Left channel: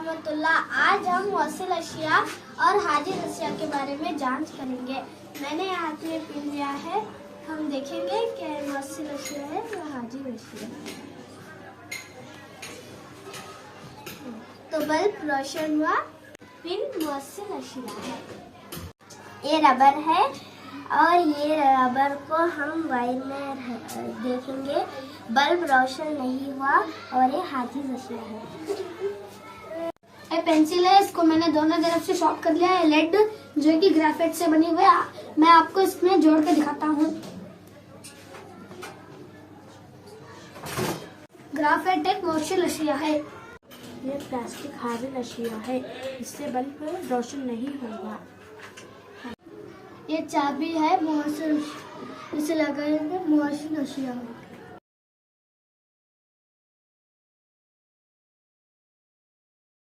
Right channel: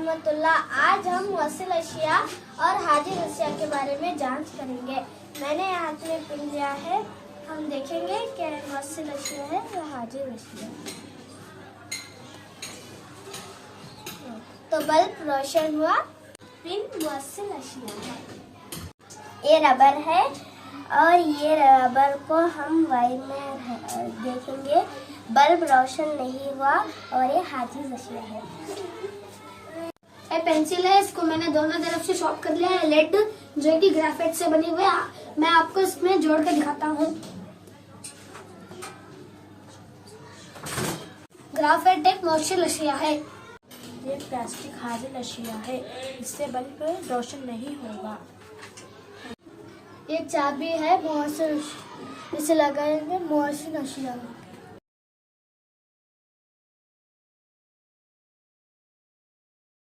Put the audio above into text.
रहमतुल्लाह। आज हम मौसिल अशिया और हाजिर अशिया के बारे में जांच करेंगे। मैंने हाथ में पिन लिया है, हम देखेंगे कि मौसिल अशिया है या हाजिर अशिया। तो बल्ब रोशन हुआ, पिन मौसिल अशिया है। ये रबर है और ये रबर को हम वायर में देखेंगे, बल्ब रोशन नहीं हुआ और ये हाजिर अशिया है। ये पेंसिल है, इसको मैंने दोनों तरफ से शॉर्प कर लिया है। लेड जो कि ग्रेफाइट से बनी हुई है, मैं आपको इसमें जोड़ के दिखाता हूँ। ग्रेफाइट एक मौसिल अशिया है। ये प्लास्टिक हाजिर अशिया है, इससे बल्ब रोशन नहीं होगा। ये चाबी है, मौसिल, इसे लगाएंगे मौसिल अशिया।